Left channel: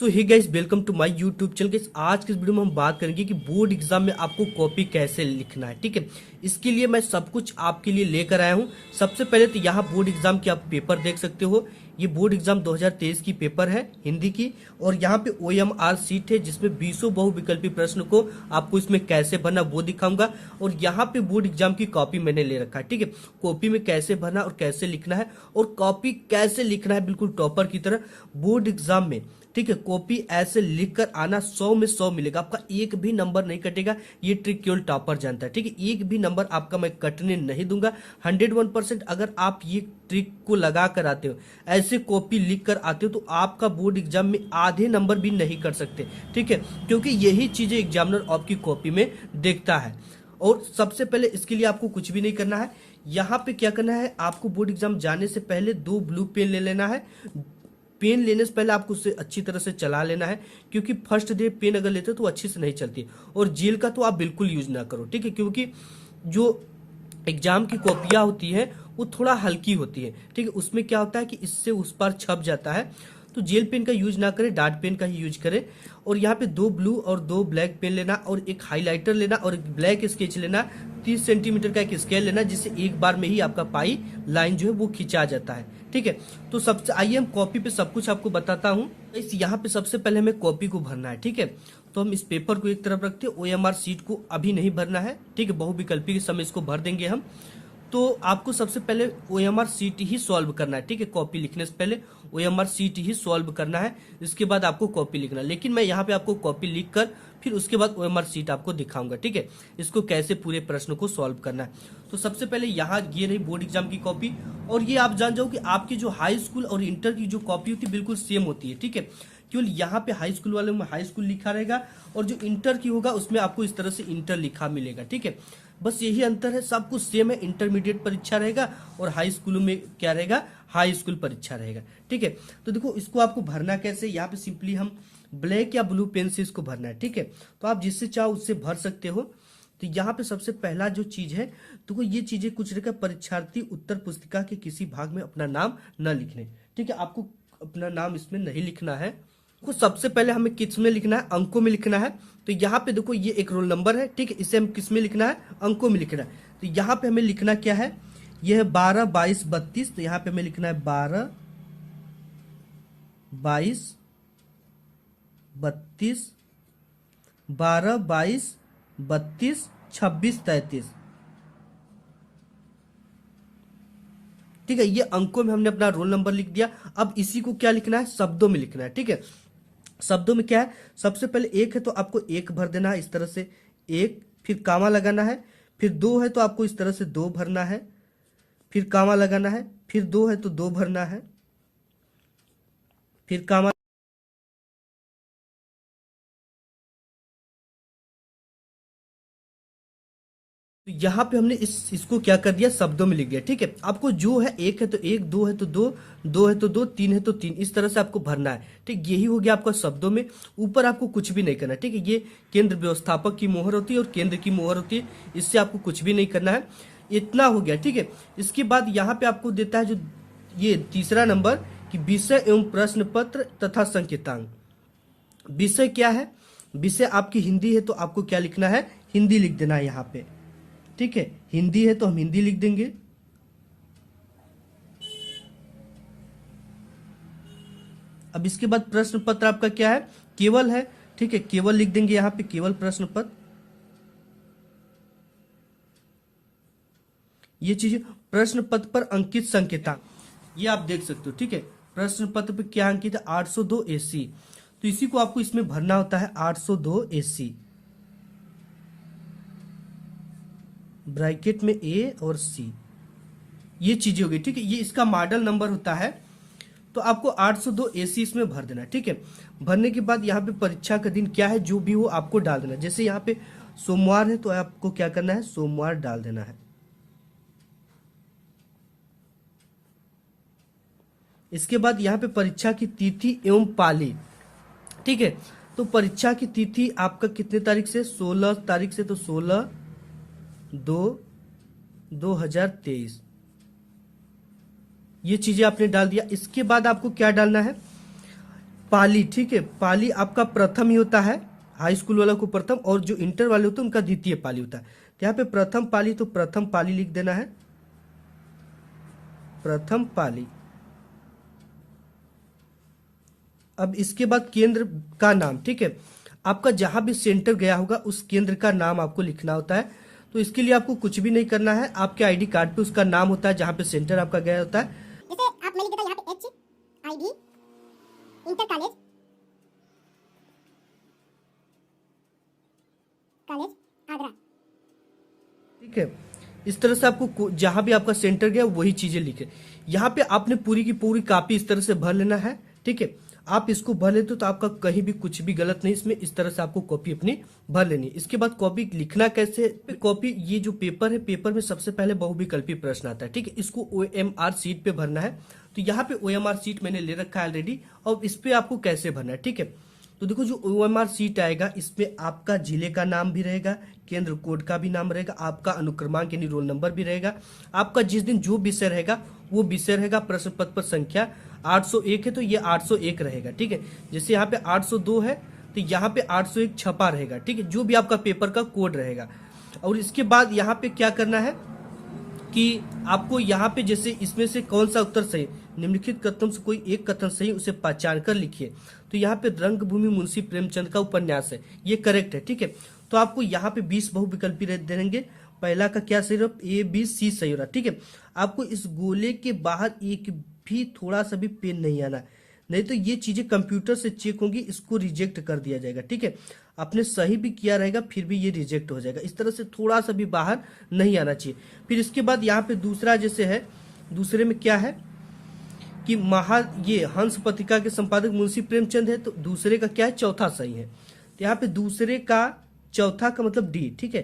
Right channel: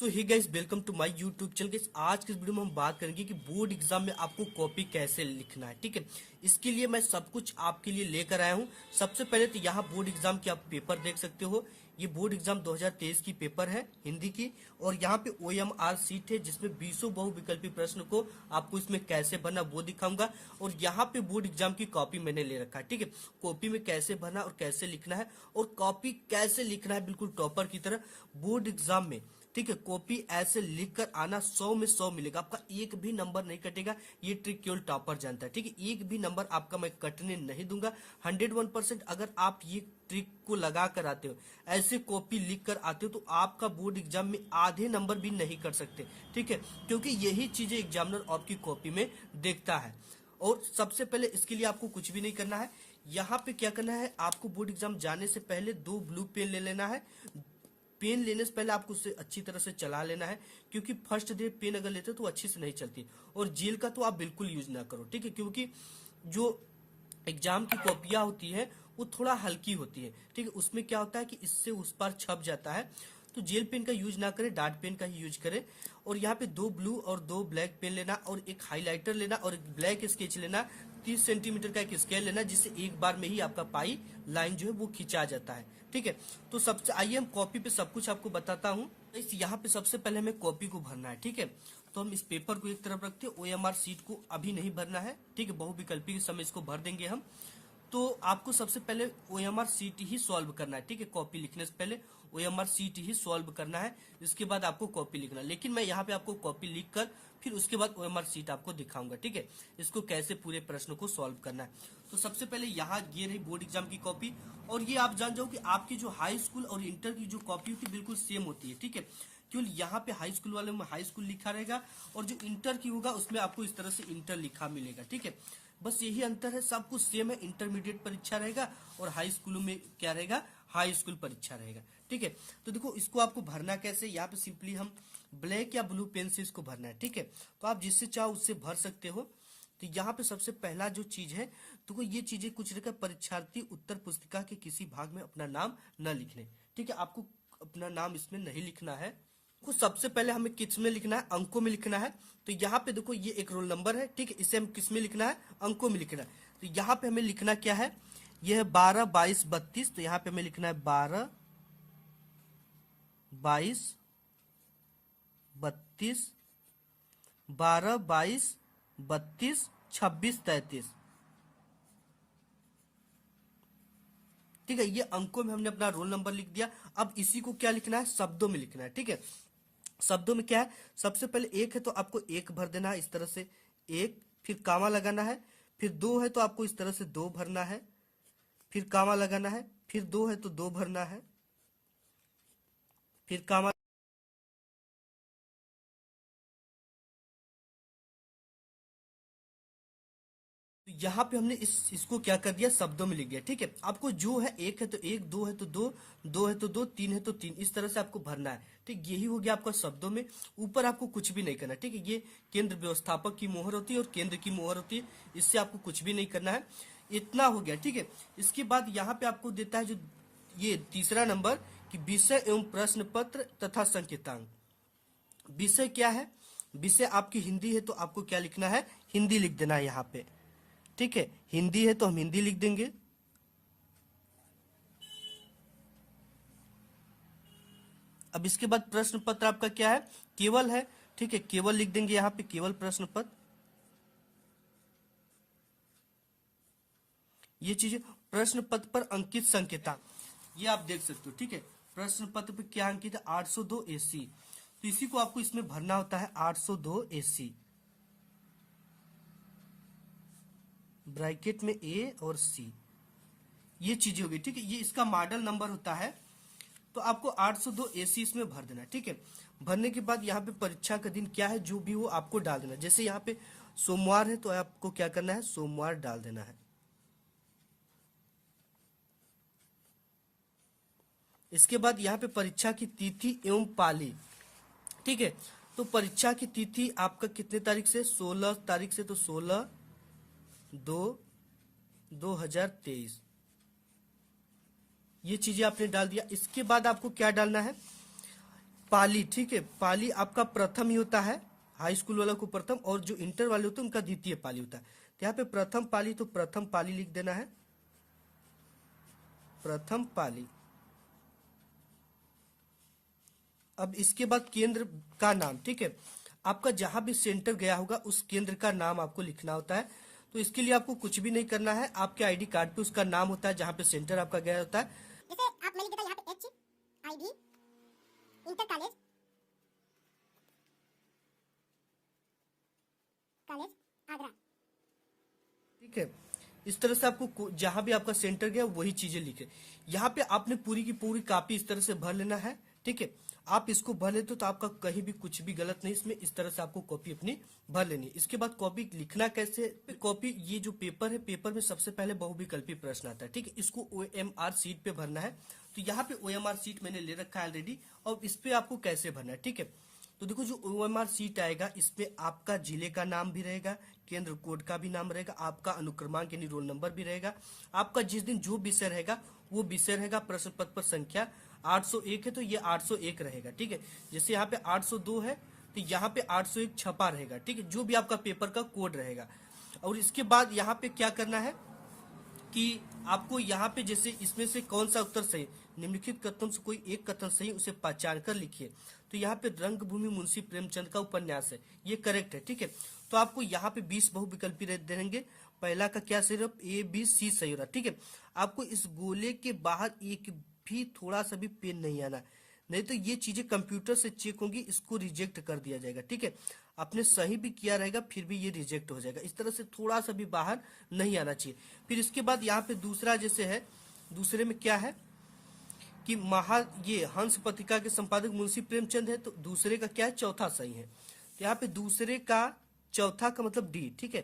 So hey guys, welcome to my YouTube channel. Guys, आज के इस वीडियो में हम बात करेंगे कि बोर्ड एग्जाम में आपको कॉपी कैसे लिखना है। ठीक है, इसके लिए मैं सब कुछ आपके लिए लेकर आया हूँ। सबसे पहले तो यहाँ बोर्ड एग्जाम की आप पेपर देख सकते हो। ये बोर्ड एग्जाम 2023 की पेपर है हिंदी की, और यहाँ पे OMR सीट है जिसमें 20 बहुविकल्पी प्रश्न को आपको इसमें कैसे भरना वो दिखाऊंगा। और यहाँ पे बोर्ड एग्जाम की कॉपी मैंने ले रखा है। ठीक है, कॉपी में कैसे भरना और कैसे लिखना है, और कॉपी कैसे लिखना है बिल्कुल टॉपर की तरह बोर्ड एग्जाम में। ठीक है, कॉपी ऐसे लिख कर आना, 100 में 100 मिलेगा, आपका एक भी नंबर नहीं कटेगा। ये ट्रिक केवल टॉपर जानता है। ठीक है, एक भी नंबर आपका मैं कटने नहीं दूंगा। 101% अगर आप ये ट्रिक को लगा कर आते हो, ऐसे कॉपी लिख कर आते हो, तो आपका बोर्ड एग्जाम में आधे नंबर भी नहीं कर सकते। ठीक है, क्योंकि यही चीजें एग्जामिनर आपकी कॉपी में देखता है। और सबसे पहले इसके लिए आपको कुछ भी नहीं करना है। यहाँ पे क्या करना है, आपको बोर्ड एग्जाम जाने से पहले 2 ब्लू पेन ले लेना है। पेन लेने से पहले आपको उसे अच्छी तरह से चला लेना है, क्योंकि फर्स्ट डे पेन अगर लेते हो तो अच्छी से नहीं चलती। और जेल का तो आप बिल्कुल यूज ना करो। ठीक है, क्योंकि जो एग्जाम की कॉपियां होती है वो थोड़ा हल्की होती है। ठीक है, उसमें क्या होता है कि इससे उस पर छप जाता है। तो जेल पेन का यूज ना करें, डार्ट पेन का ही यूज करें। और यहाँ पे 2 ब्लू और 2 ब्लैक पेन लेना, और एक हाइलाइटर लेना, और एक ब्लैक स्केच लेना। 30 सेंटीमीटर का एक स्केल लेना, जिससे एक बार में ही आपका पाई लाइन जो है वो खिंचा जाता है। ठीक है, तो सबसे आइए हम कॉपी पे सब कुछ आपको बताता हूँ। इस यहाँ पे सबसे पहले हमें कॉपी को भरना है। ठीक है, तो हम इस पेपर को एक तरफ रखते हैं। OMR सीट को अभी नहीं भरना है। ठीक है, बहुविकल्पी के समय इसको भर देंगे हम। तो आपको सबसे पहले OMR सीट ही सॉल्व करना है। ठीक है, कॉपी लिखने से पहले OMR सीट ही सॉल्व करना है, इसके बाद आपको कॉपी लिखना है। लेकिन मैं यहाँ पे आपको कॉपी लिख कर फिर उसके बाद OMR सीट आपको दिखाऊंगा। ठीक है, इसको कैसे पूरे प्रश्न को सॉल्व करना है। तो सबसे पहले यहाँ ये रही बोर्ड एग्जाम की कॉपी। और ये आप जान जाओ कि आपकी जो हाई स्कूल और इंटर की जो कॉपी होती है बिल्कुल सेम होती है। ठीक है, केवल यहाँ पे हाई स्कूल वाले में हाई स्कूल लिखा रहेगा, और जो इंटर की होगा उसमें आपको इस तरह से इंटर लिखा मिलेगा। ठीक है, बस यही अंतर है, सब कुछ सेम है। इंटरमीडिएट परीक्षा रहेगा और हाई स्कूलों में क्या रहेगा, हाई स्कूल परीक्षा रहेगा। ठीक है, तो देखो इसको आपको भरना कैसे। यहाँ पे सिंपली हम ब्लैक या ब्लू पेन से इसको भरना है। ठीक है, तो आप जिससे चाहो उससे भर सकते हो। तो यहाँ पे सबसे पहला जो चीज है, तो ये चीजें कुछ रहेगा, परीक्षार्थी उत्तर पुस्तिका के किसी भाग में अपना नाम न लिखने। ठीक है, आपको अपना नाम इसमें नहीं लिखना है। को सबसे पहले हमें किस में लिखना है, अंकों में लिखना है। तो यहाँ पे देखो ये एक रोल नंबर है। ठीक है, इसे हम किस में लिखना है, अंकों में लिखना है। तो यहाँ पे हमें लिखना क्या है, यह है 12, 22, 32। तो यहाँ पे हमें लिखना है 12, 22, 32, 12, 22, 32, 26, 33। ठीक है, ये अंकों में हमने अपना रोल नंबर लिख दिया। अब इसी को क्या लिखना है, शब्दों में लिखना है। ठीक है, शब्दों में क्या है, सबसे पहले एक है तो आपको एक भर देना है इस तरह से, एक, फिर कामा लगाना है। फिर 2 है तो आपको इस तरह से 2 भरना है, फिर कामा लगाना है। फिर 2 है तो 2 भरना है, फिर कामा। तो यहाँ पे हमने इसको क्या कर दिया, शब्दों में लिख दिया। ठीक है, आपको जो है एक है तो एक, 2 है तो 2, 2 है तो 2, 3 है तो 3, इस तरह से आपको भरना है। ठीक, यही हो गया आपका शब्दों में। ऊपर आपको कुछ भी नहीं करना। ठीक है, ये केंद्र व्यवस्थापक की मोहर होती है और केंद्र की मोहर होती है, इससे आपको कुछ भी नहीं करना है। इतना हो गया। ठीक है, इसके बाद यहाँ पे आपको देता है जो ये तीसरा नंबर, कि विषय एवं प्रश्न पत्र तथा संकेतांक। विषय क्या है, विषय आपकी हिंदी है तो आपको क्या लिखना है, हिंदी लिख देना है यहाँ पे। ठीक है, हिंदी है तो हम हिंदी लिख देंगे। अब इसके बाद प्रश्न पत्र आपका क्या है, केवल है। ठीक है, केवल लिख देंगे यहाँ पे, केवल प्रश्न पत्र। ये चीज प्रश्न पत्र पर अंकित संकेतांक, ये आप देख सकते हो। ठीक है, प्रश्न पत्र पे क्या अंकित है, 802 AC। तो इसी को आपको इसमें भरना होता है, 802 AC, ब्रैकेट में A और C। ये चीजें होगी। ठीक है, ये इसका मॉडल नंबर होता है। तो आपको 802 AC इसमें भर देना है। ठीक है, भरने के बाद यहाँ पे परीक्षा का दिन क्या है, जो भी हो आपको डाल देना है। जैसे यहाँ पे सोमवार है तो आपको क्या करना है, सोमवार डाल देना है। इसके बाद यहाँ पे परीक्षा की तिथि एवं पाली। ठीक है, तो परीक्षा की तिथि आपका कितने तारीख से, 16 तारीख से। तो 16/2/2023, ये चीजें आपने डाल दिया। इसके बाद आपको क्या डालना है, पाली, ठीक है। पाली आपका प्रथम ही होता है, हाई स्कूल वाला को प्रथम, और जो इंटर वाले होते हैं उनका द्वितीय पाली होता है। तो यहाँ पे प्रथम पाली, तो प्रथम पाली लिख देना है, प्रथम पाली। अब इसके बाद केंद्र का नाम, ठीक है। आपका जहां भी सेंटर गया होगा उस केंद्र का नाम आपको लिखना होता है। तो इसके लिए आपको कुछ भी नहीं करना है, आपके आईडी कार्ड पे उसका नाम होता है जहां पे सेंटर आपका गया होता है। जैसे आप मैं लिख देता यहाँ पे HID इंटर कॉलेज आगरा, ठीक है। इस तरह से आपको जहां भी आपका सेंटर गया वही चीजें लिखे। यहाँ पे आपने पूरी की पूरी कॉपी इस तरह से भर लेना है, ठीक है। आप इसको भर लेते हो तो आपका कहीं भी कुछ भी गलत नहीं, इसमें इस तरह से आपको कॉपी अपनी भर लेनी है। इसके बाद कॉपी लिखना कैसे, कॉपी ये जो पेपर है, पेपर में सबसे पहले बहुविकल्पी प्रश्न आता है, ठीक है। इसको OMR शीट पे भरना है। तो यहाँ पे OMR शीट मैंने ले रखा है ऑलरेडी, और इस पे आपको कैसे भरना है, ठीक है। तो देखो जो OMR शीट आएगा इसमें आपका जिले का नाम भी रहेगा, केंद्र कोड का भी नाम रहेगा, आपका अनुक्रमांक यानी रोल नंबर भी रहेगा, आपका जिस दिन जो विषय रहेगा वो विषय रहेगा, प्रश्न पत्र पर संख्या 801 है तो ये 801 रहेगा, ठीक है। जैसे यहाँ पे 802 है तो यहाँ पे 801 छपा रहेगा, ठीक है, जो भी आपका पेपर का कोड रहेगा। और इसके बाद यहाँ पे क्या करना है कि आपको यहाँ पे जैसे इसमें से कौन सा उत्तर सही, निम्नलिखित कथनों से कोई एक कथन सही उसे पहचान कर लिखिए। तो यहाँ पे रंगभूमि मुंशी प्रेमचंद का उपन्यास है, ये करेक्ट है, ठीक है। तो आपको यहाँ पे 20 बहुविकल्पी देंगे, पहला का क्या सही रहा, ABC सही हो रहा, ठीक है। आपको इस गोले के बाहर एक भी थोड़ा सा भी पेन नहीं आना, नहीं तो ये चीजें कंप्यूटर से चेक होंगी, इसको रिजेक्ट कर दिया जाएगा, ठीक है। आपने सही भी किया रहेगा फिर भी ये रिजेक्ट हो जाएगा, इस तरह से थोड़ा सा भी बाहर नहीं आना चाहिए। फिर इसके बाद यहाँ पे दूसरा जैसे है, दूसरे में क्या है कि ये हंस पत्रिका के संपादक मुंशी प्रेमचंद है, तो दूसरे का क्या है, चौथा सही है। तो यहाँ पे दूसरे का चौथा का मतलब D, ठीक है।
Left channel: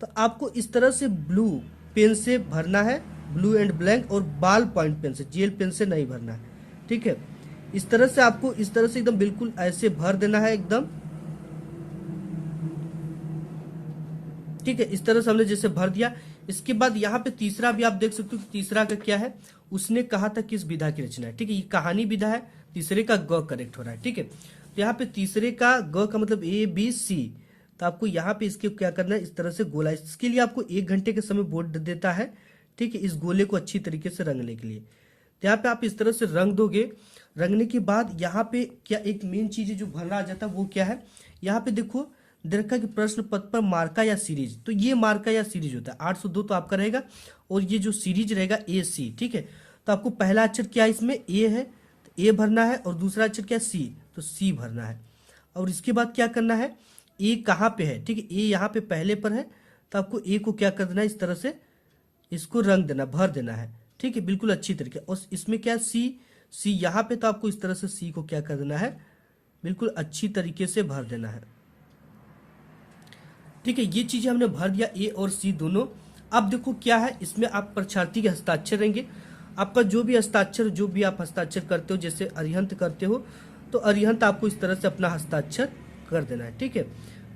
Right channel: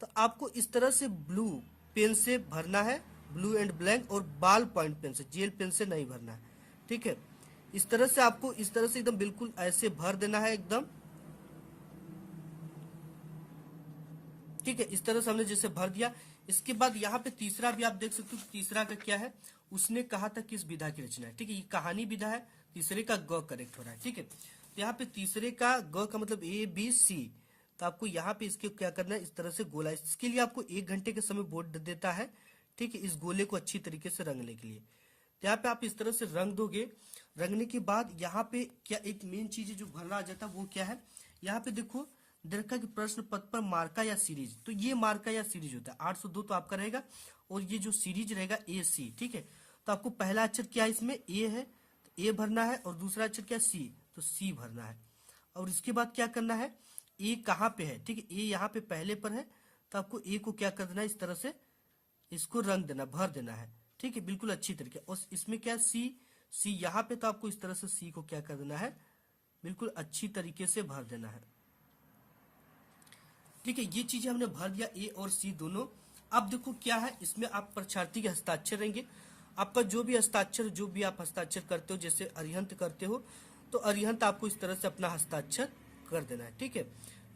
तो आपको इस तरह से ब्लू पेन से भरना है, ब्लू एंड ब्लैंक, और बॉल पॉइंट पेन से, जेल पेन से नहीं भरना है, ठीक है। इस तरह से आपको इस तरह से एकदम बिल्कुल ऐसे भर देना है एकदम, ठीक है। इस तरह से हमने जैसे भर दिया। इसके बाद यहाँ पे तीसरा भी आप देख सकते हो, तीसरा का क्या है, उसने कहा था किस विधा की रचना है, ठीक है। ये कहानी विधा है, तीसरे का ग करेक्ट हो रहा है, ठीक है। तो यहाँ पे तीसरे का ग का मतलब ABC, तो आपको यहाँ पे इसके क्या करना है, इस तरह से गोला, इसके लिए आपको 1 घंटे के समय बोर्ड देता है, ठीक है, इस गोले को अच्छी तरीके से रंगने के लिए। तो यहाँ पे आप इस तरह से रंग दोगे। रंगने के बाद यहाँ पे क्या एक मेन चीज है जो भरना आ जाता है, वो क्या है, यहाँ पे देखो दरका के प्रश्न पत्र पर मार्का या सीरीज, तो ये मार्का या सीरीज होता है, 802 तो आपका रहेगा, और ये जो सीरीज रहेगा AC, ठीक है। तो आपको पहला अक्षर क्या है, इसमें A है तो A भरना है, और दूसरा अक्षर क्या है, C, तो C भरना है। और इसके बाद क्या करना है, A कहाँ पे है, ठीक है, A यहाँ पे पहले पर है, तो आपको A को क्या कर देना है, इस तरह से इसको रंग देना, भर देना है, ठीक है, बिल्कुल अच्छी तरीके। और इसमें क्या C यहाँ पे, तो आपको इस तरह से C को क्या कर देना है, बिल्कुल अच्छी तरीके से भर देना है, ठीक है। ये चीजें हमने भर दिया, A और C दोनों। अब देखो क्या है, इसमें आप परीक्षार्थी के हस्ताक्षर रहेंगे, आपका जो भी हस्ताक्षर, जो भी आप हस्ताक्षर करते हो, जैसे अरिहंत करते हो तो अरिहंत आपको इस तरह से अपना हस्ताक्षर कर देना है, ठीक है।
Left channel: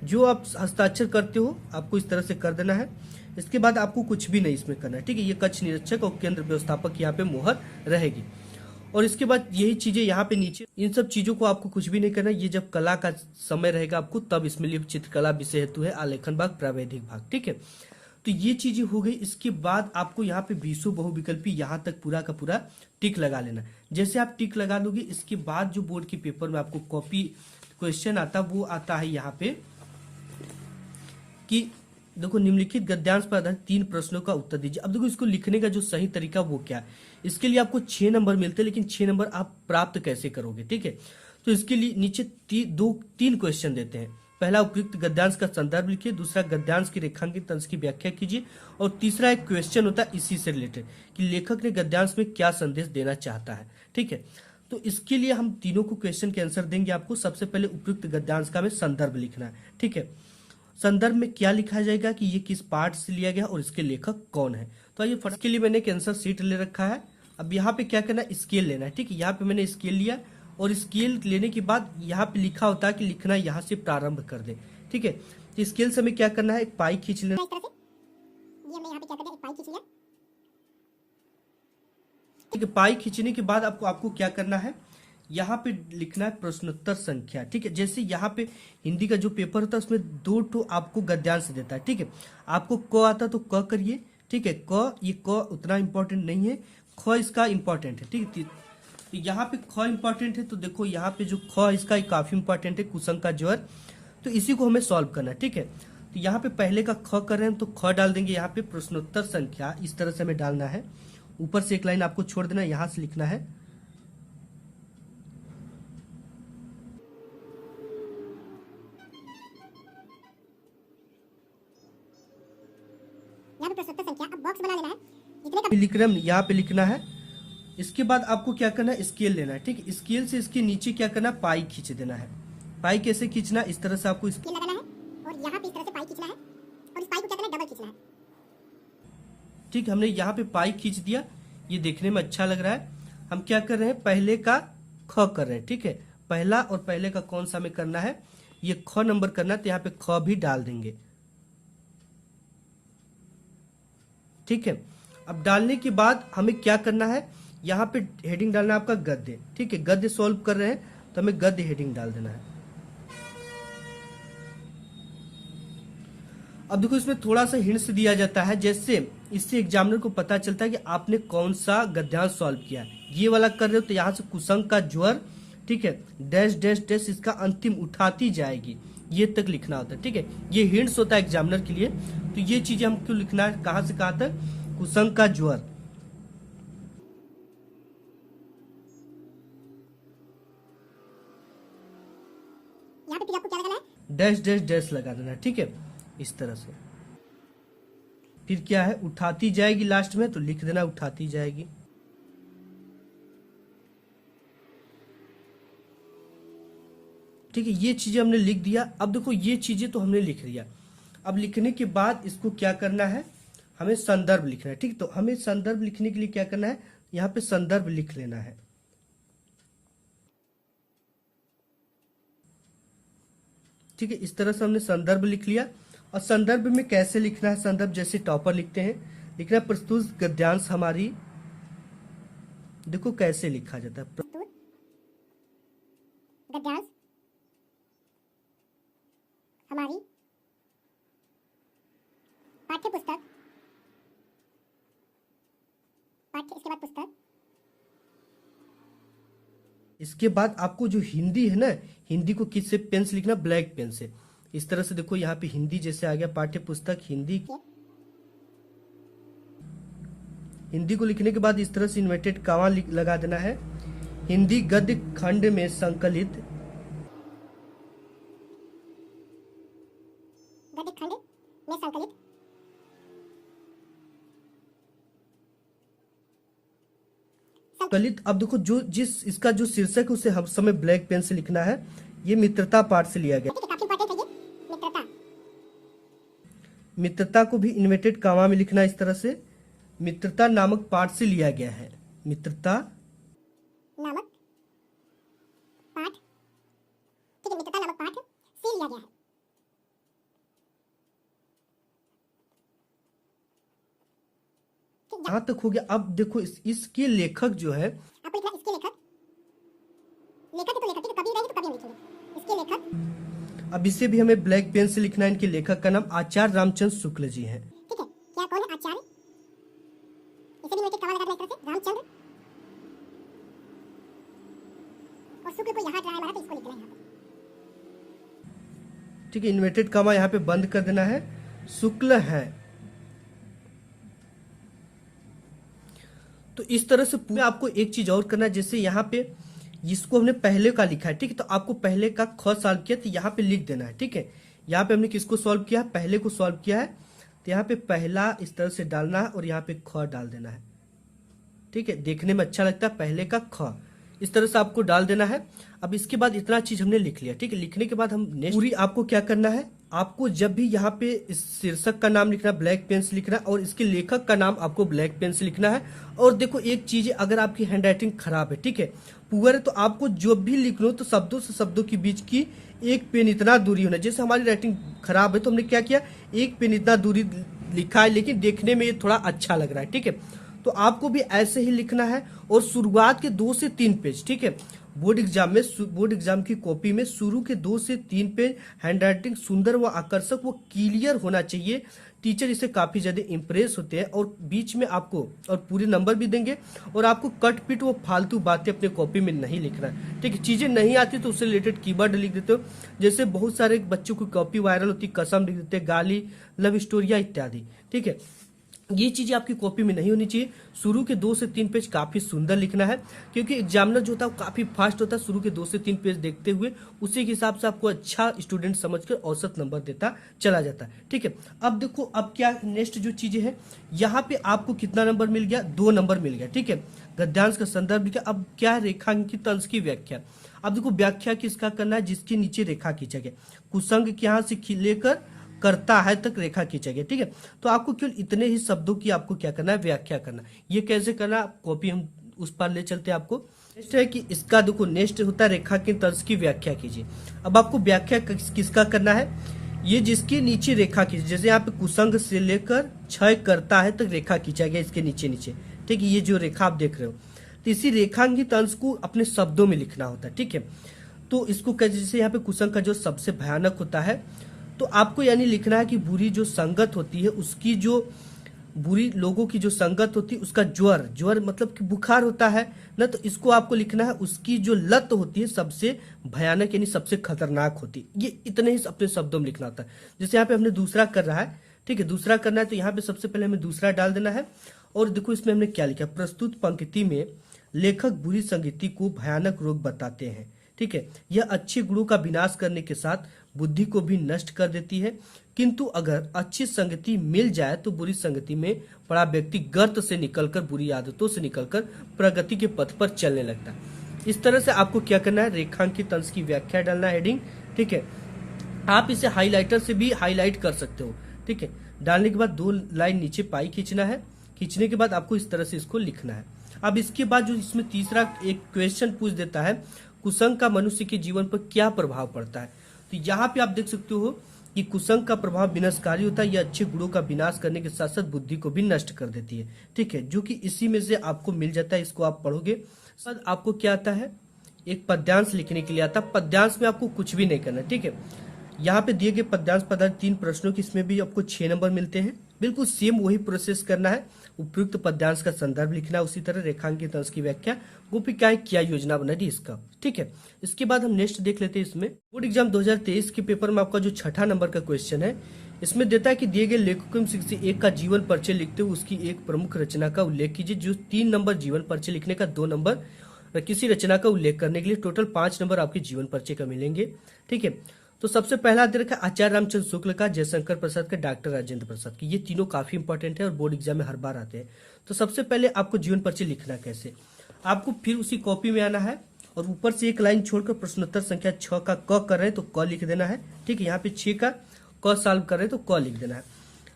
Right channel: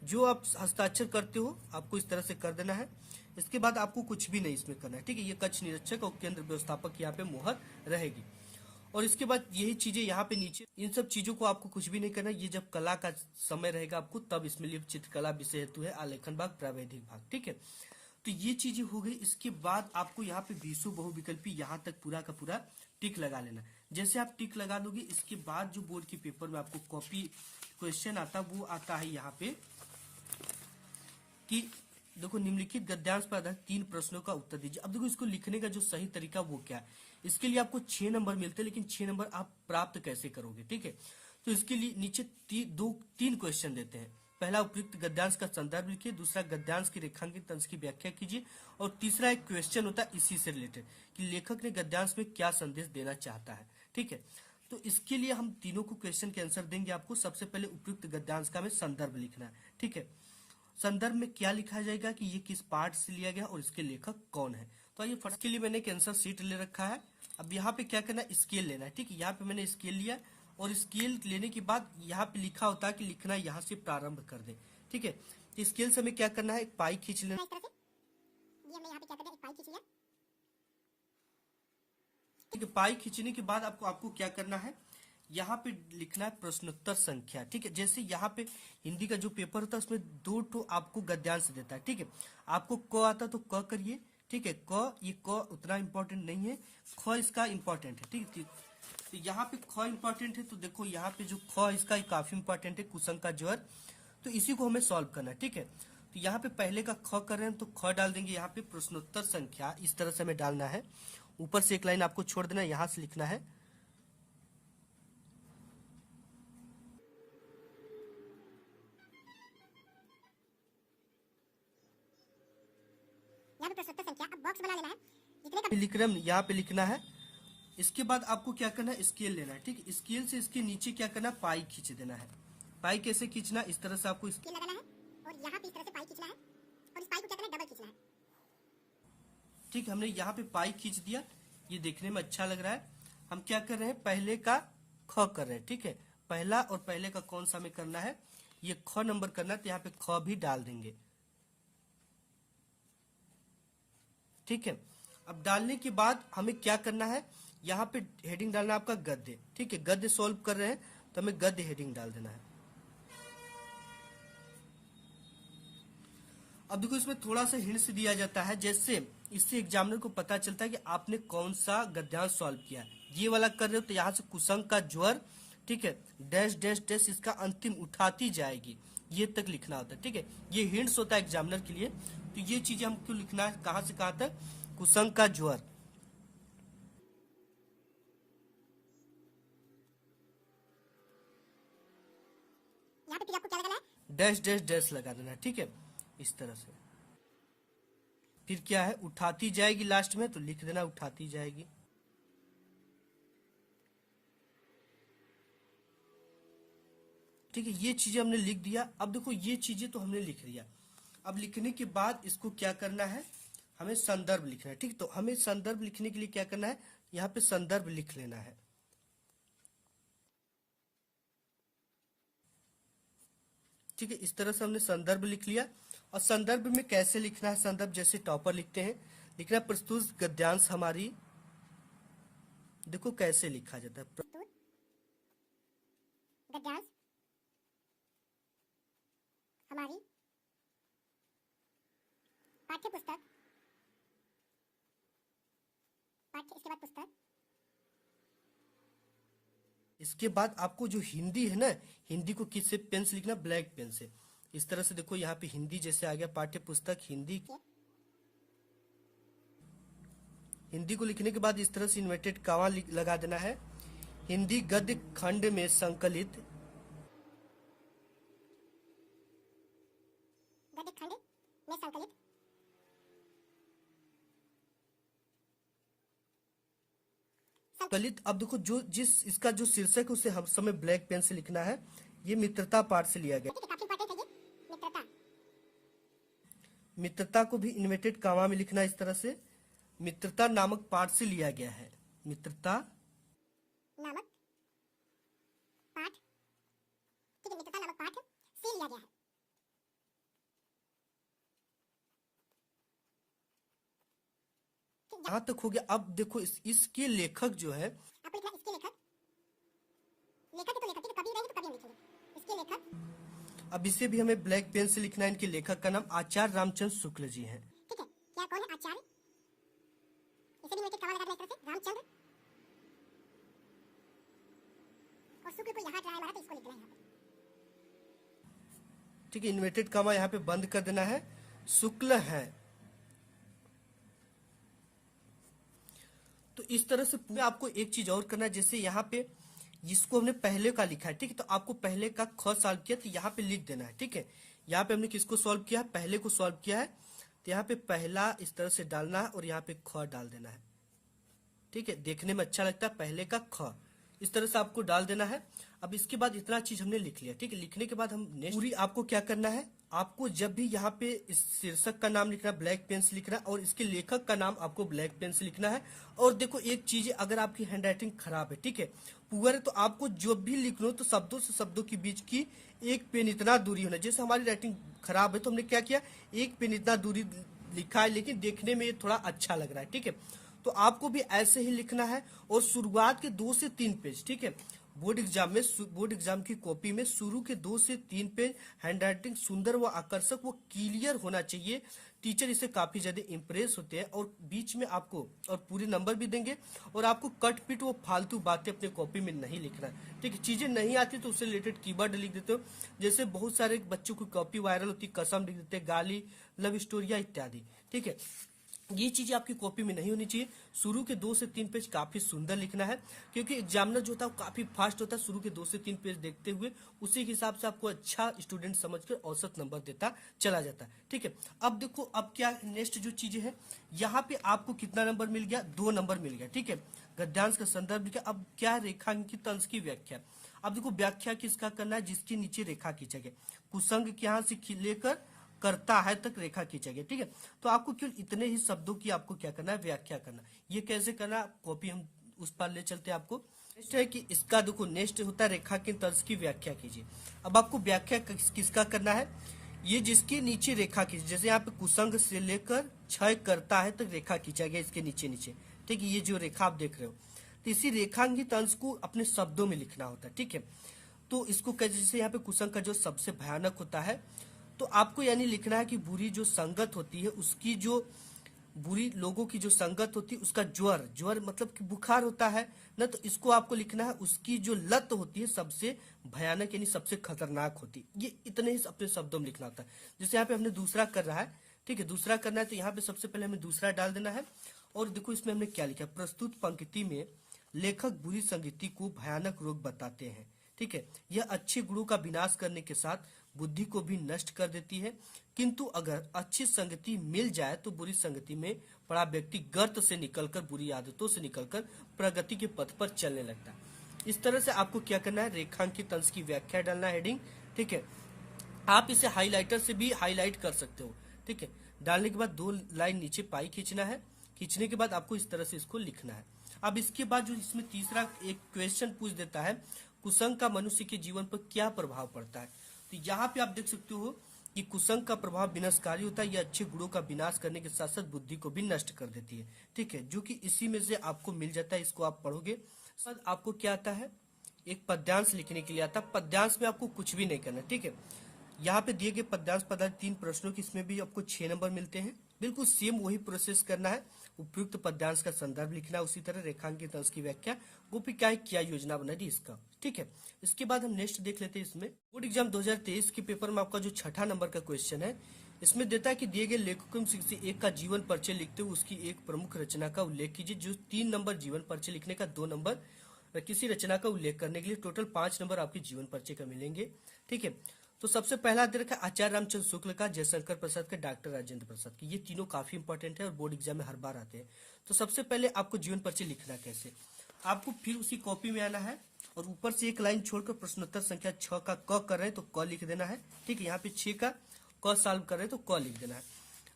जो आप हस्ताक्षर करते हो आपको इस तरह से कर देना है। इसके बाद आपको कुछ भी नहीं इसमें करना है, ठीक है। ये कक्ष निरीक्षक और केंद्र व्यवस्थापक यहाँ पे मोहर रहेगी। और इसके बाद यही चीजें यहाँ पे नीचे, इन सब चीजों को आपको कुछ भी नहीं करना। ये जब कला का समय रहेगा आपको तब इसमें लिए चित्रकला विषय हेतु है, आलेखन भाग, प्रावैधिक भाग, ठीक है। तो ये चीजें हो गई। इसके बाद आपको यहाँ पे 20 बहुविकल्पी यहाँ तक पूरा का पूरा टिक लगा लेना। जैसे आप टिक लगा लोगे, इसके बाद जो बोर्ड के पेपर में आपको कॉपी क्वेश्चन आता वो आता है यहाँ पे कि देखो निम्नलिखित गद्यांश पर आधारित 3 प्रश्नों का उत्तर दीजिए। अब देखो इसको लिखने का जो सही तरीका वो क्या है, इसके लिए आपको 6 नंबर मिलते हैं, लेकिन 6 नंबर आप प्राप्त कैसे करोगे, ठीक है। तो इसके लिए नीचे 3 क्वेश्चन देते हैं। पहला उपयुक्त गद्यांश का संदर्भ लिखिए, दूसरा गद्यांश की रेखांकित अंश की व्याख्या कीजिए, और तीसरा एक क्वेश्चन होता है इसी से रिलेटेड कि लेखक ने गद्यांश में क्या संदेश देना चाहता है, ठीक है। तो इसके लिए हम तीनों को क्वेश्चन के आंसर देंगे आपको। सबसे पहले उपयुक्त गद्यांश का में संदर्भ लिखना है, ठीक है। संदर्भ में क्या लिखा जाएगा कि ये किस पाठ से लिया गया और इसके लेखक कौन है। तो ये फर्स्ट के लिए मैंने एक आंसर शीट ले रखा है। अब यहाँ पे क्या करना है, स्केल लेना है, ठीक है। यहाँ पे मैंने स्केल लिया, और स्केल लेने के बाद यहाँ पे लिखा होता है कि लिखना यहाँ से प्रारंभ कर दे, ठीक है। तो स्केल से हमें क्या करना है, एक पाई खींच लेना, ठीक है। पाई खींचने के बाद आपको क्या करना है, यहाँ पे लिखना है प्रश्नोत्तर संख्या, ठीक है। जैसे यहाँ पे हिंदी का जो पेपर होता है उसमें 2 ठो आपको गद्यांश देता है, ठीक है। आपको क आता तो क करिए, ठीक है। ये क उतना इंपॉर्टेंट नहीं है, ख इसका इंपॉर्टेंट है, ठीक है। तो यहाँ पे ख इंपॉर्टेंट है, तो देखो यहाँ पे जो ख इसका काफी इंपॉर्टेंट है, कुसंग का ज्वर। तो इसी को हमें सॉल्व करना है, ठीक है। तो यहाँ पे पहले का ख कर रहे हैं तो ख डाल देंगे, यहाँ पे प्रश्नोत्तर संख्या इस तरह से हमें डालना है। ऊपर से एक लाइन आपको छोड़ देना है, यहाँ से लिखना है। यहाँ पे प्रश्नोत्तर संख्या अब बॉक्स बना लेना है जितने का लिख रहे हैं यहाँ पे लिखना है। इसके बाद आपको क्या करना है, स्केल लेना है, ठीक है। स्केल से इसके नीचे क्या करना है, पाई खींच देना है। पाई कैसे खींचना, इस तरह से आपको स्केल लगाना है और यहाँ पे इस तरह से पाई खींचना है और इस पाई को क्या करना है, डबल खींचना है। ठीक है, हमने यहाँ पे पाई खींच दिया, ये देखने में अच्छा लग रहा है। हम क्या कर रहे हैं, पहले का ख कर रहे हैं, ठीक है। पहला और पहले का कौन सा हमें करना है, ये ख नंबर करना है, तो यहाँ पे ख भी डाल देंगे, ठीक है। अब डालने के बाद हमें क्या करना है, यहाँ पे हेडिंग डालना है आपका गद्य, ठीक है। गद्य सॉल्व कर रहे हैं तो हमें गद्य हेडिंग डाल देना है। अब देखो इसमें थोड़ा सा हिंट्स दिया जाता है, जैसे इससे एग्जामिनर को पता चलता है कि आपने कौन सा गद्यांश सॉल्व किया है। ये वाला कर रहे हो तो यहाँ से कुसंग का ज्वर, ठीक है, डैश डैश डैश इसका अंतिम उठाती जाएगी, ये तक लिखना होता है, ठीक है। ये हिंट्स होता है एग्जामिनर के लिए। तो ये चीजें हमको लिखना है, कहाँ से कहाँ तक, कुसंग का ज्वर। यहाँ पे फिर आपको क्या लगाना है, डैश डैश डैश लगा देना, ठीक है, इस तरह से। फिर क्या है, उठाती जाएगी लास्ट में, तो लिख देना उठाती जाएगी। ठीक है, ये चीजें हमने लिख दिया। अब देखो ये चीजें तो हमने लिख दिया। अब लिखने के बाद इसको क्या करना है, हमें संदर्भ लिखना है, ठीक। तो हमें संदर्भ लिखने के लिए क्या करना है, यहाँ पे संदर्भ लिख लेना है, ठीक है। इस तरह से हमने संदर्भ लिख लिया। और संदर्भ में कैसे लिखना है, संदर्भ जैसे टॉपर लिखते हैं, लिखना है प्रस्तुत गद्यांश हमारी, देखो कैसे लिखा जाता है, प्रस्तुत गद्यांश हमारी पाठ्य पुस्तक, पाठ्य इसके बाद पुस्तक। इसके बाद आपको जो हिंदी है ना, हिंदी को किससे पेन से लिखना, ब्लैक पेन से। इस तरह से देखो यहाँ पे हिंदी जैसे आ गया, पाठ्य पुस्तक हिंदी। हिंदी को लिखने के बाद इस तरह से इन्वर्टेड कॉमा लगा देना है। हिंदी गद्य खंड में संकलित, गद्य खंड में संकलित अब देखो जो जिस इसका जो शीर्षक है उसे हम समय ब्लैक पेन से लिखना है। ये मित्रता पाठ से लिया गया। काफी इंपॉर्टेंट है ये मित्रता। मित्रता को भी इन्वर्टेड कॉमा में लिखना है इस तरह से। मित्रता नामक पाठ से लिया गया है, मित्रता नामक पाठ, ठीक है, मित्रता नामक पाठ से लिया गया है। यहाँ तक हो गया। अब देखो इसके लेखक जो है, आपको लिखना इसके लेखक, लेखक है तो लेखक, ठीक है, कभी रहेंगे तो कभी हम लिखेंगे इसके लेखक। अब इसे भी हमें ब्लैक पेन से लिखना है। इनके लेखक का नाम आचार्य रामचंद्र शुक्ल जी हैं, ठीक है। क्या कौन है, आचार्य, इसे भी कॉमा लगा देना इस तरह से, रामचंद्र, और शुक्ल को यहाँ ड्राई मारा तो इसको लिखना है यहाँ पे, ठीक है। इन्वर्टेड कॉमा यहाँ पे बंद कर देना है, शुक्ल है। तो इस तरह से पूरा आपको एक चीज और करना है, जैसे यहाँ पे जिसको हमने पहले का लिखा है, ठीक है, तो आपको पहले का ख सॉल्व किया तो यहाँ पे लिख देना है, ठीक है। यहाँ पे हमने किसको सॉल्व किया है, पहले को सॉल्व किया है, तो यहाँ पे पहला इस तरह से डालना है और यहाँ पे ख डाल देना है, ठीक है। देखने में अच्छा लगता है, पहले का ख इस तरह से आपको डाल देना है। अब इसके बाद इतना चीज हमने लिख लिया, ठीक है। लिखने के बाद हम नेक्स्ट पूरी आपको क्या करना है, आपको जब भी यहाँ पे इस शीर्षक का नाम लिखना है ब्लैक पेन से लिखना है और इसके लेखक का नाम आपको ब्लैक पेन से लिखना है। और देखो एक चीज, अगर आपकी हैंडराइटिंग खराब है, ठीक है, पुअर है, तो आपको जो भी लिख लो तो शब्दों से शब्दों के बीच की एक पेन इतना दूरी होना। जैसे हमारी राइटिंग खराब है तो हमने क्या किया, एक पेन इतना दूरी लिखा है, लेकिन देखने में ये थोड़ा अच्छा लग रहा है, ठीक है। तो आपको भी ऐसे ही लिखना है और शुरुआत के 2 से 3 पेज, ठीक है, बोर्ड एग्जाम की कॉपी में शुरू के 2 से 3 पेज हैंडराइटिंग सुंदर व आकर्षक व क्लियर होना चाहिए। टीचर इससे काफी ज्यादा इंप्रेस होते हैं और बीच में आपको और पूरे नंबर भी देंगे। और आपको कट पिट वो फालतू बातें अपने कॉपी में नहीं लिखना है, ठीक है। चीजें नहीं आती तो उससे रिलेटेड कीवर्ड लिख देते हो, जैसे बहुत सारे बच्चों की कॉपी वायरल होती है, कसम लिख देते हैं, गाली, लव स्टोरिया इत्यादि, ठीक है। ये चीजें आपकी कॉपी में नहीं होनी चाहिए। शुरू के 2 से 3 पेज काफी सुंदर लिखना है, क्योंकि एग्जामिनर जो होता है वो काफी फास्ट होता है। शुरू के 2 से 3 पेज देखते हुए उसी के हिसाब से आपको अच्छा स्टूडेंट समझकर औसत नंबर देता चला जाता है, ठीक है। अब देखो, अब क्या नेक्स्ट जो चीजें हैं, यहाँ पे आपको कितना नंबर मिल गया, 2 नंबर मिल गया, ठीक है। गद्यांश का संदर्भ लिखा। अब क्या है, रेखांकित अंश की व्याख्या। अब देखो, व्याख्या किसका करना है, जिसके नीचे रेखा खींचा गया। कुसंग के यहाँ से लेकर करता है तक रेखा खींचा गया, ठीक है। तो आपको केवल इतने ही शब्दों की आपको क्या करना है, व्याख्या करना। ये कैसे करना, कॉपी हम उस पर ले चलते हैं आपको। नेक्स्ट है कि इसका देखो, नेक्स्ट होता है रेखांकित अंश की व्याख्या कीजिए। अब आपको व्याख्या किसका करना है, ये जिसके नीचे रेखा खींचे, जैसे यहाँ पे कुसंग से लेकर क्षय करता है तक रेखा खींचा गया, इसके नीचे नीचे, ठीक है। ये जो रेखा आप देख रहे हो, तो इसी रेखांकित अंश को अपने शब्दों में लिखना होता है, ठीक है। तो इसको कैसे, जैसे यहाँ पे कुसंग का जो सबसे भयानक होता है, तो आपको यानी लिखना है कि बुरी जो संगत होती है, उसकी जो बुरी लोगों की जो संगत होती है, उसका ज्वर मतलब कि बुखार होता है ना, तो इसको आपको लिखना है उसकी जो लत होती है सबसे भयानक यानी सबसे खतरनाक होती है। ये इतने ही अपने शब्दों में लिखना होता है। जैसे यहाँ पे हमने दूसरा कर रहा है, ठीक है, दूसरा करना है, तो यहाँ पे सबसे पहले हमें दूसरा डाल देना है। और देखो इसमें हमने क्या लिखा, प्रस्तुत पंक्ति में लेखक बुरी संगति को भयानक रोग बताते हैं, ठीक है। यह अच्छे गुणों का विनाश करने के साथ बुद्धि को भी नष्ट कर देती है, किंतु अगर अच्छी संगति मिल जाए तो बुरी संगति में पड़ा व्यक्ति गर्त से निकलकर, बुरी आदतों से निकलकर प्रगति के पथ पर चलने लगता है। इस तरह से आपको क्या करना है, रेखांकित अंश की व्याख्या डालना है, हेडिंग, ठीक है। आप इसे हाईलाइटर से भी हाईलाइट कर सकते हो, ठीक है। डालने के बाद 2 लाइन नीचे पाई खींचना है। खींचने के बाद आपको इस तरह से इसको लिखना है। अब इसके बाद जो इसमें तीसरा एक क्वेश्चन पूछ देता है, कुसंग का मनुष्य के जीवन पर क्या प्रभाव पड़ता है। तो यहाँ पे आप देख सकते हो कि कुसंग का प्रभाव विनाशकारी होता है। यह अच्छे गुणों का विनाश करने के साथ साथ बुद्धि को भी नष्ट कर देती है, ठीक है, जो कि इसी में से आपको मिल जाता है। इसको आप पढ़ोगे, बाद आपको क्या आता है, एक पद्यांश लिखने के लिए आता है। पद्यांश में आपको कुछ भी नहीं करना, ठीक है। यहाँ पे दिए गए पद्यांश पदार्थ 3 प्रश्नों की, इसमें भी आपको 6 नंबर मिलते हैं। बिल्कुल सेम वही प्रोसेस करना है। उपयुक्त पद्यांश का संदर्भ लिखना है, उसी तरह रेखांकित अंश की व्याख्या, गोपिकाएं क्या योजना बना दी इसका, ठीक है। इसके बाद हम नेक्स्ट देख लेते हैं। इसमें बोर्ड एग्जाम 2023 के पेपर में आपका जो 6ठा नंबर का क्वेश्चन है, इसमें देता है कि दिए गए लेखकों में से एक का जीवन परिचय लिखते हुए उसकी एक प्रमुख रचना का उल्लेख कीजिए। जो 3 नंबर जीवन परिचय लिखने का, 2 नंबर किसी रचना का उल्लेख करने के लिए, टोटल 5 नंबर आपके जीवन परिचय का मिलेंगे, ठीक है। तो सबसे पहला दे रखा आचार्य रामचंद्र शुक्ल का, जयशंकर प्रसाद का, डॉक्टर राजेंद्र प्रसाद की। ये तीनों काफी इंपॉर्टेंट है और बोर्ड एग्जाम में हर बार आते हैं। तो सबसे पहले आपको जीवन परिचय लिखना कैसे, आपको फिर उसी कॉपी में आना है और ऊपर से एक लाइन छोड़कर प्रश्नोत्तर संख्या 6 का क कर रहे हैं तो क लिख देना है, ठीक है। यहाँ पे 6 का क सॉल्व कर रहे हैं तो क लिख देना है।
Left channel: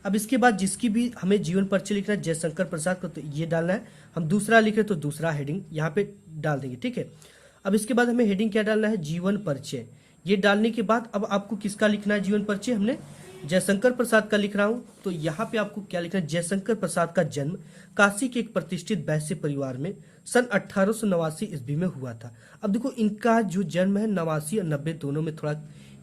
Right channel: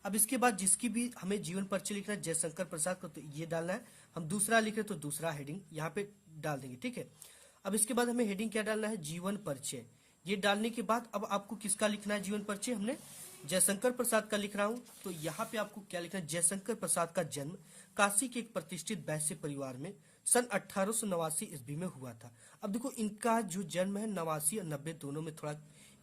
अब इसके बाद जिसकी भी हमें जीवन परिचय लिखना है, जयशंकर प्रसाद का, तो ये डालना है। हम दूसरा लिख रहे तो दूसरा हेडिंग यहाँ पे डाल देंगे, ठीक है। अब इसके बाद हमें हेडिंग क्या डालना है, जीवन परिचय। ये डालने के बाद अब आपको किसका लिखना है जीवन परिचय, हमने जयशंकर प्रसाद का लिख रहा हूं, तो यहाँ पे आपको क्या लिखना है, जयशंकर प्रसाद का जन्म काशी के एक प्रतिष्ठित वैश्य परिवार में सन 1889 ईस्वी में हुआ था। अब देखो इनका जो जन्म है 89 और 90 दोनों में थोड़ा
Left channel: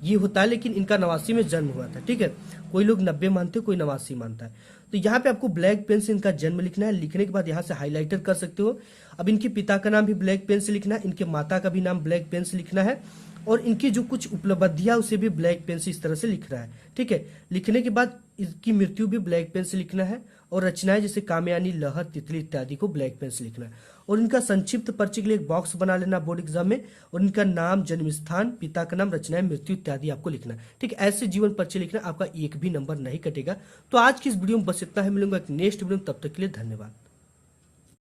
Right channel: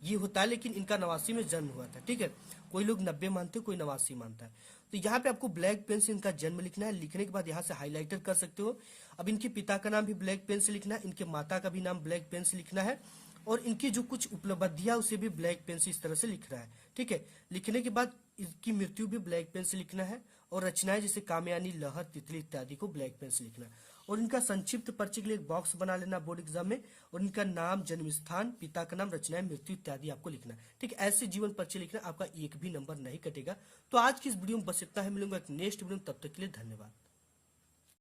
ये होता है, लेकिन इनका 89 में जन्म हुआ था, ठीक है। कोई लोग 90 मानते हैं, कोई 89 मानता है। तो यहाँ पे आपको ब्लैक पेन से इनका जन्म लिखना है। लिखने के बाद यहाँ से हाईलाइटर कर सकते हो। अब इनके पिता का नाम भी ब्लैक पेन से लिखना है, इनके माता का भी नाम ब्लैक पेन से लिखना है, और इनकी जो कुछ उपलब्धियां उसे भी ब्लैक पेन से इस तरह से लिख रहा है, ठीक है। लिखने के बाद इसकी मृत्यु भी ब्लैक पेन से लिखना है, और रचनाएं जैसे कामयानी, लहर, तितली इत्यादि को ब्लैक पेन से लिखना है। और इनका संक्षिप्त परिचय के लिए एक बॉक्स बना लेना बोर्ड एग्जाम में, और इनका नाम, जन्म स्थान, पिता का नाम, रचनाएं, मृत्यु इत्यादि आपको लिखना है, ठीक है। ऐसे जीवन परिचय लिखना, आपका एक भी नंबर नहीं कटेगा। तो आज की इस वीडियो में बस इतना है, मिलूंगा एक नेक्स्ट वीडियो में, तब तक के लिए धन्यवाद।